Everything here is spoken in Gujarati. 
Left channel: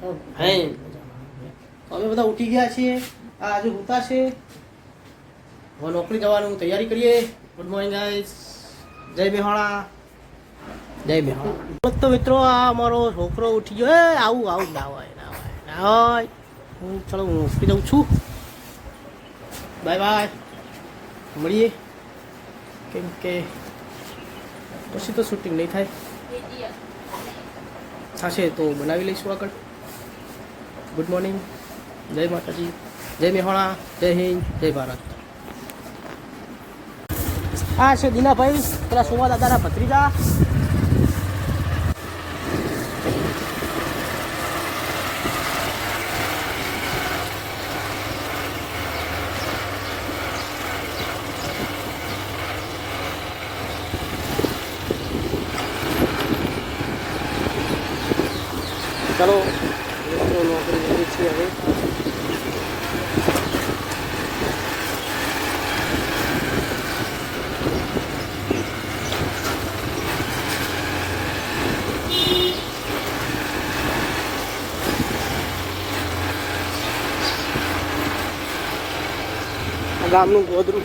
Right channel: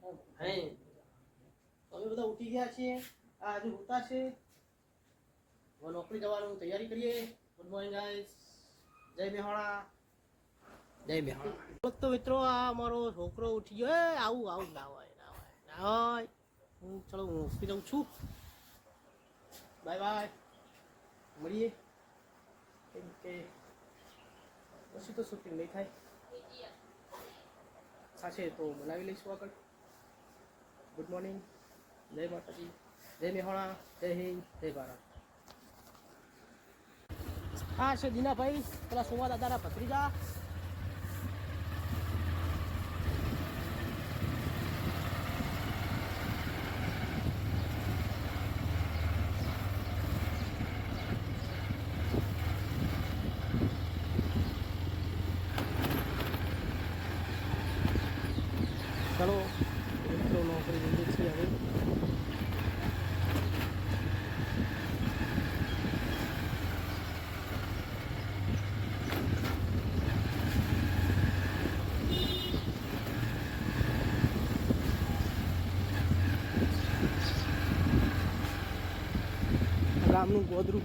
હે અમે બધા ઉઠી ગયા છીએ. આ આજે ઉતા છે. હવે નોકરી જવાનું તૈયારી કરીએ. Good morning guys. જય મેહોણા. જય મેહોણા. તો મિત્રો આ અમારો છોકરો ઉઠી ગયો. એ આવું આવું ના હોય ના હોય ના હોય. હું ચલો હું નોકરી જાઉં છું. Bye bye. મળીએ. કેમ કે પછી તો શૂટિંગ નહીં થાય. થશે તો બનાવી લઈશું આગળ. Good morning. જય માતાજી. જય મેહોણા. જય હિન્દ. જય ભારત. આ છે દીનાભાઈ, પેલા સોમા દાદાના ભત્રીજા. ચલો મિત્રો નોકરી કરીએ છીએ હવે. ગામનું ગોદરું.